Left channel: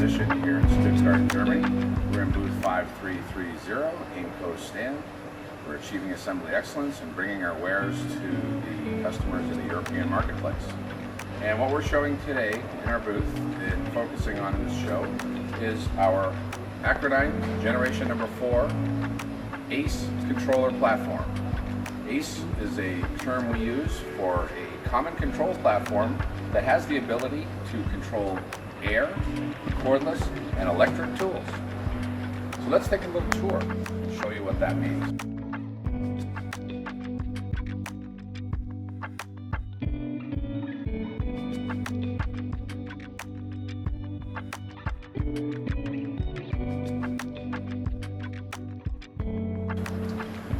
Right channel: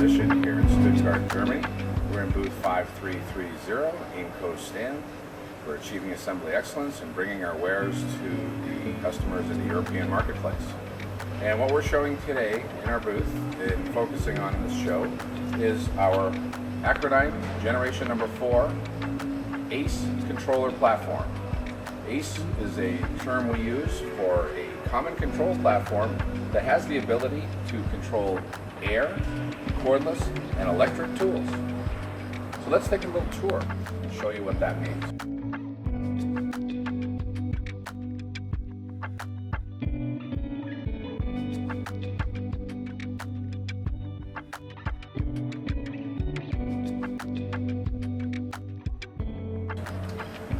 exhibition here in Stuttgart, Germany. We're in booth 5330, Aimco stand. We're achieving assembly excellence and bringing our wares to the customers in the European marketplace. And what we're showing today in our booth and focusing on in this show is our AcraDyne Generation Number 4 ACE controller platform. ACE is a term we use for a common control platform that has the ability to control air, cordless, and electric tools. So let's take a little tour and show you what that means.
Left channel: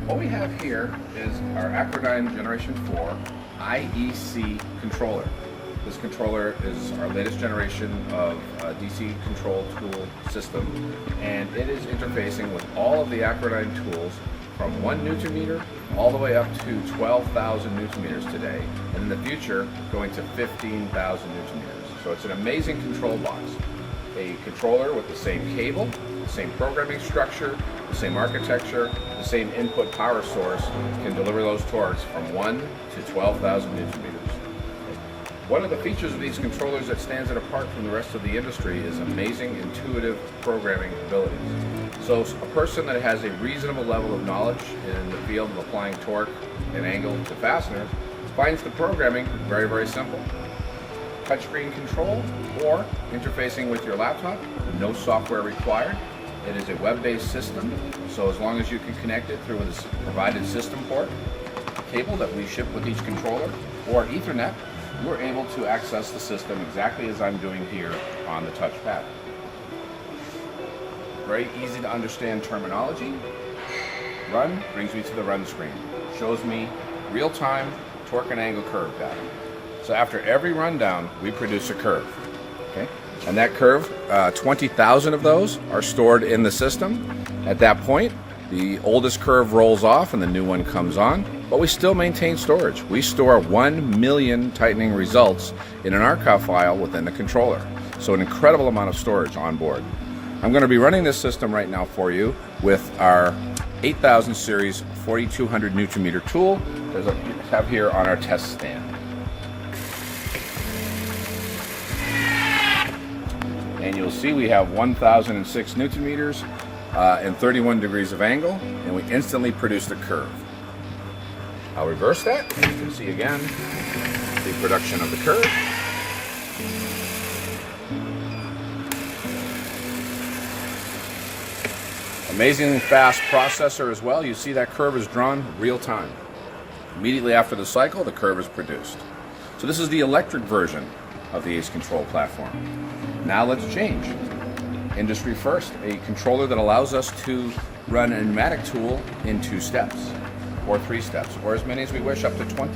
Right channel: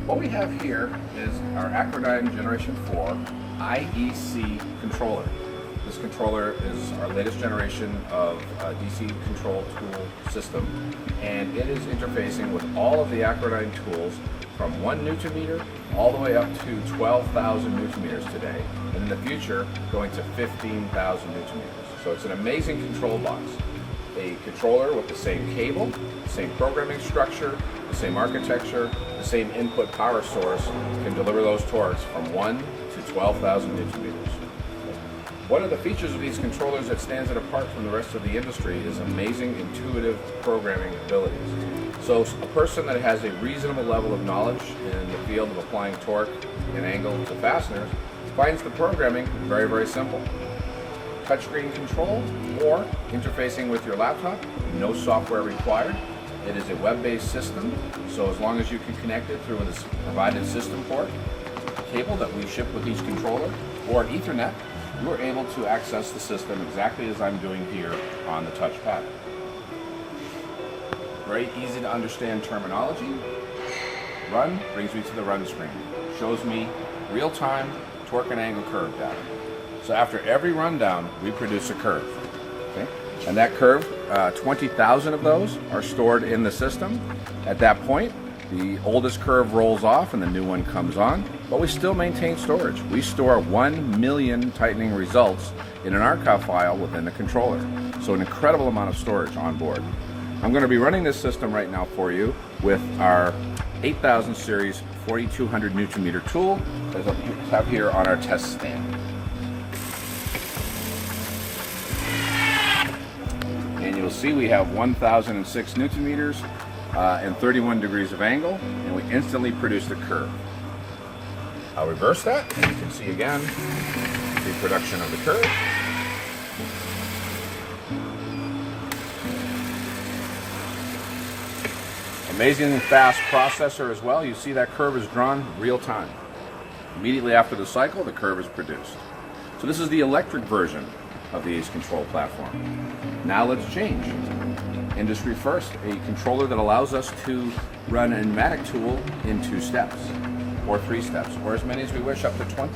What we have here is our AcraDyne Generation 4 IEC controller. This controller is our latest generation of DC control tool system, and it is interfacing with all of the AcraDyne tools from 1 Newton meter all the way up to 12,000 Newton meters today, and in the future going to 15,000 Newton meters. So it's an amazing control box. A controller with the same cable, the same programming structure, the same architecture, the same input power source can deliver those torques from 1 to 12,000 Newton meters. One of the features of these controllers that stands it apart from the rest of the industry is amazing intuitive programming abilities. So a person that has a reasonable level of knowledge in the field of applying torque and angle to fasteners finds the programming very, very simple. Touchscreen control or interfacing with your laptop, no software required. It is a web-based system, so as long as you can connect it through this provided system port cable that we ship with each controller or Ethernet, you are able to access the system exactly as I'm doing here on the touchpad. Very easy to understand terminology. Run brings me to the run screen. Shows me real-time torque and angle curve data. So after every rundown, we produce a curve. Okay? And that curve, 20,000 of those are stored in the system. At that point, the oldest curve rolls off and the new one comes on, but we still maintain storage. We store 1 million tightening results in an archive file within the controller. So an incredible amount of storage on board. I'm going to be running this system right now for you with our 8000 series 4200 Newton meter tool that I have here on our test stand. And you'll see we have 1006 Newton meters and 31 degrees of angle, and we instantly produced a curve. I'll reverse that, and you can see again the production of the curve. Amazing fast processor as well. You see that curve is drawn real time. Immediately after the cycle, the curve is produced. So this is the electric version of the ACE control platform. Now let's change. Industry first, a controller that allows us to run a pneumatic tool in 2 steps, or 3 steps, or as many as we wish, up to 20.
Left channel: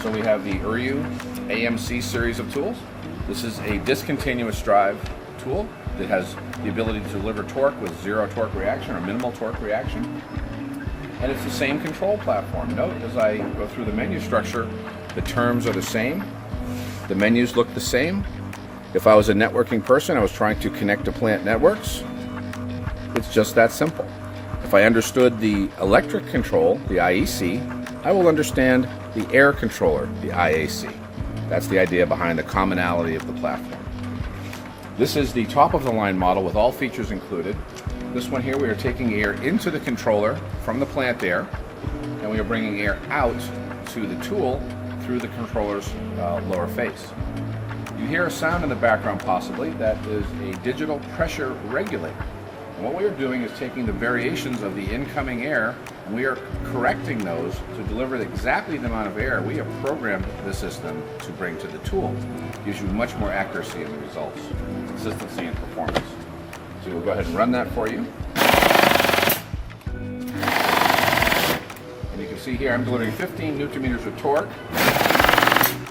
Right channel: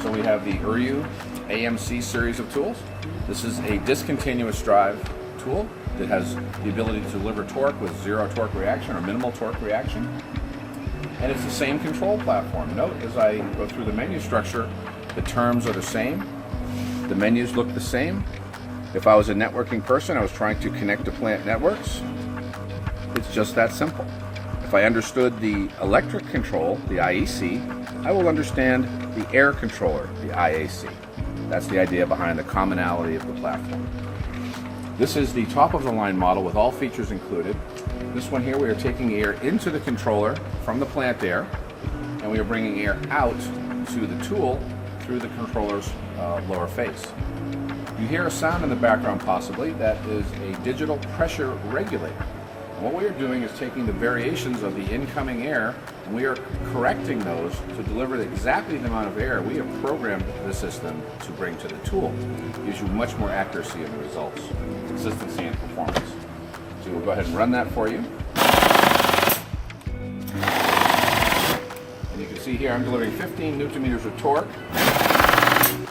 So we have the Uryu AMC series of tools. This is a discontinuous drive tool that has the ability to deliver torque with 0 torque reaction or minimal torque reaction. And it's the same control platform. Note as I go through the menu structure, the terms are the same. The menus look the same. If I was a networking person, I was trying to connect to plant networks, it's just that simple. If I understood the electric control, the IEC, I will understand the air controller, the IAC. That's the idea behind the commonality of the platform. This is the top of the line model with all features included. This one here, we are taking air into the controller from the plant air, and we are bringing air out to the tool through the controller's lower face. You hear a sound in the background possibly. That is a digital pressure regulator. And what we are doing is taking the variations of the incoming air and we are correcting those to deliver exactly the amount of air we have programmed the system to bring to the tool. It gives you much more accuracy in the results, consistency and performance. So we'll go ahead and run that for you. And you can see here I'm delivering 15 Newton meters of torque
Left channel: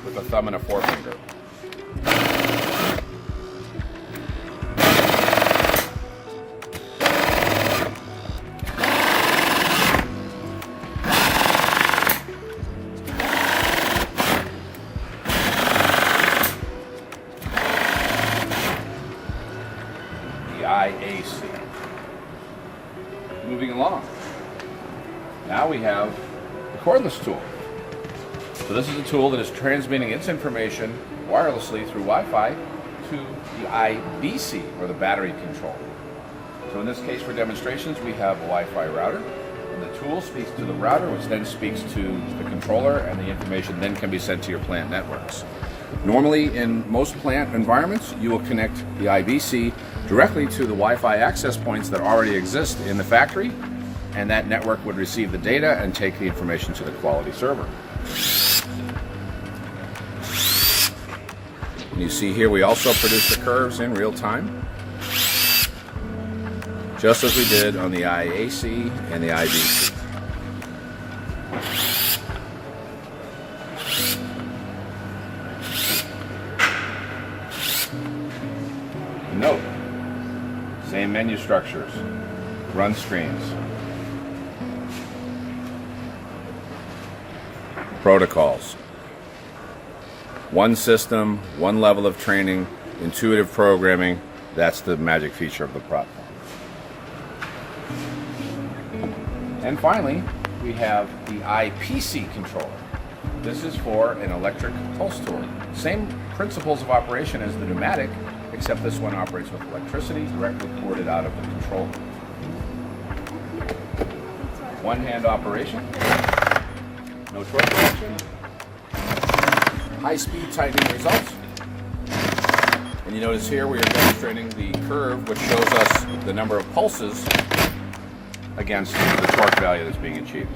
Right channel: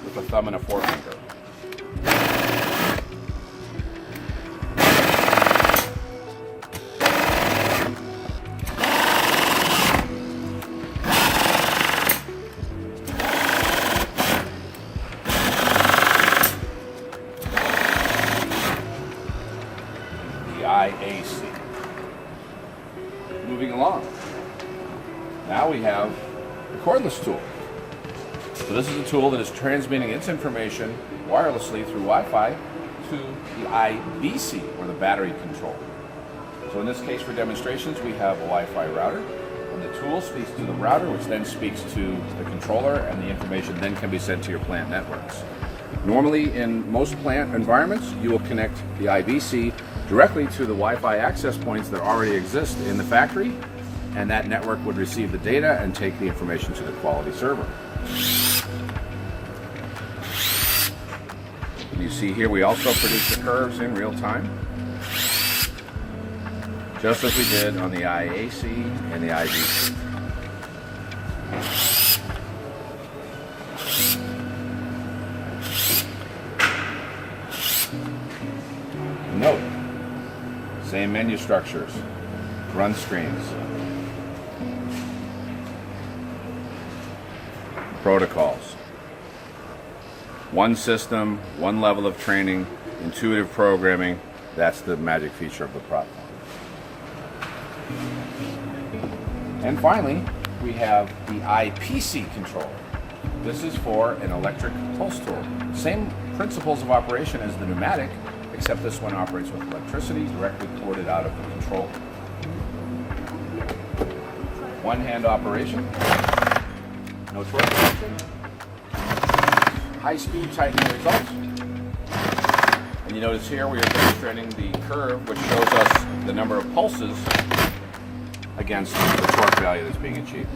with a thumb and a forefinger. IAC. Moving along. Now we have the cordless tool. So this is a tool that is transmitting its information wirelessly through Wi-Fi to the IBC, or the battery control. So in this case, for demonstrations, we have a Wi-Fi router, and the tool speaks to the router, which then speaks to the controller, and the information then can be sent to your plant networks. Normally, in most plant environments, you will connect the IBC directly to the Wi-Fi access points that already exist in the factory, and that network would receive the data and take the information to the quality server. And you see here we also produce the curves in real time, just as we did on the IAC and the IBC. Note, same menu structures, run screens, protocols. One system, one level of training, intuitive programming. That's the magic feature of the platform. And finally, we have the IPC controller. This is for an electric pulse tool. Same principles of operation as the pneumatic, except this one operates with electricity directly ported out of the controller. One hand operation, no torque connection, high-speed tightening results. And you notice here we are demonstrating the curve, which shows us the number of pulses against the torque value that's being achieved.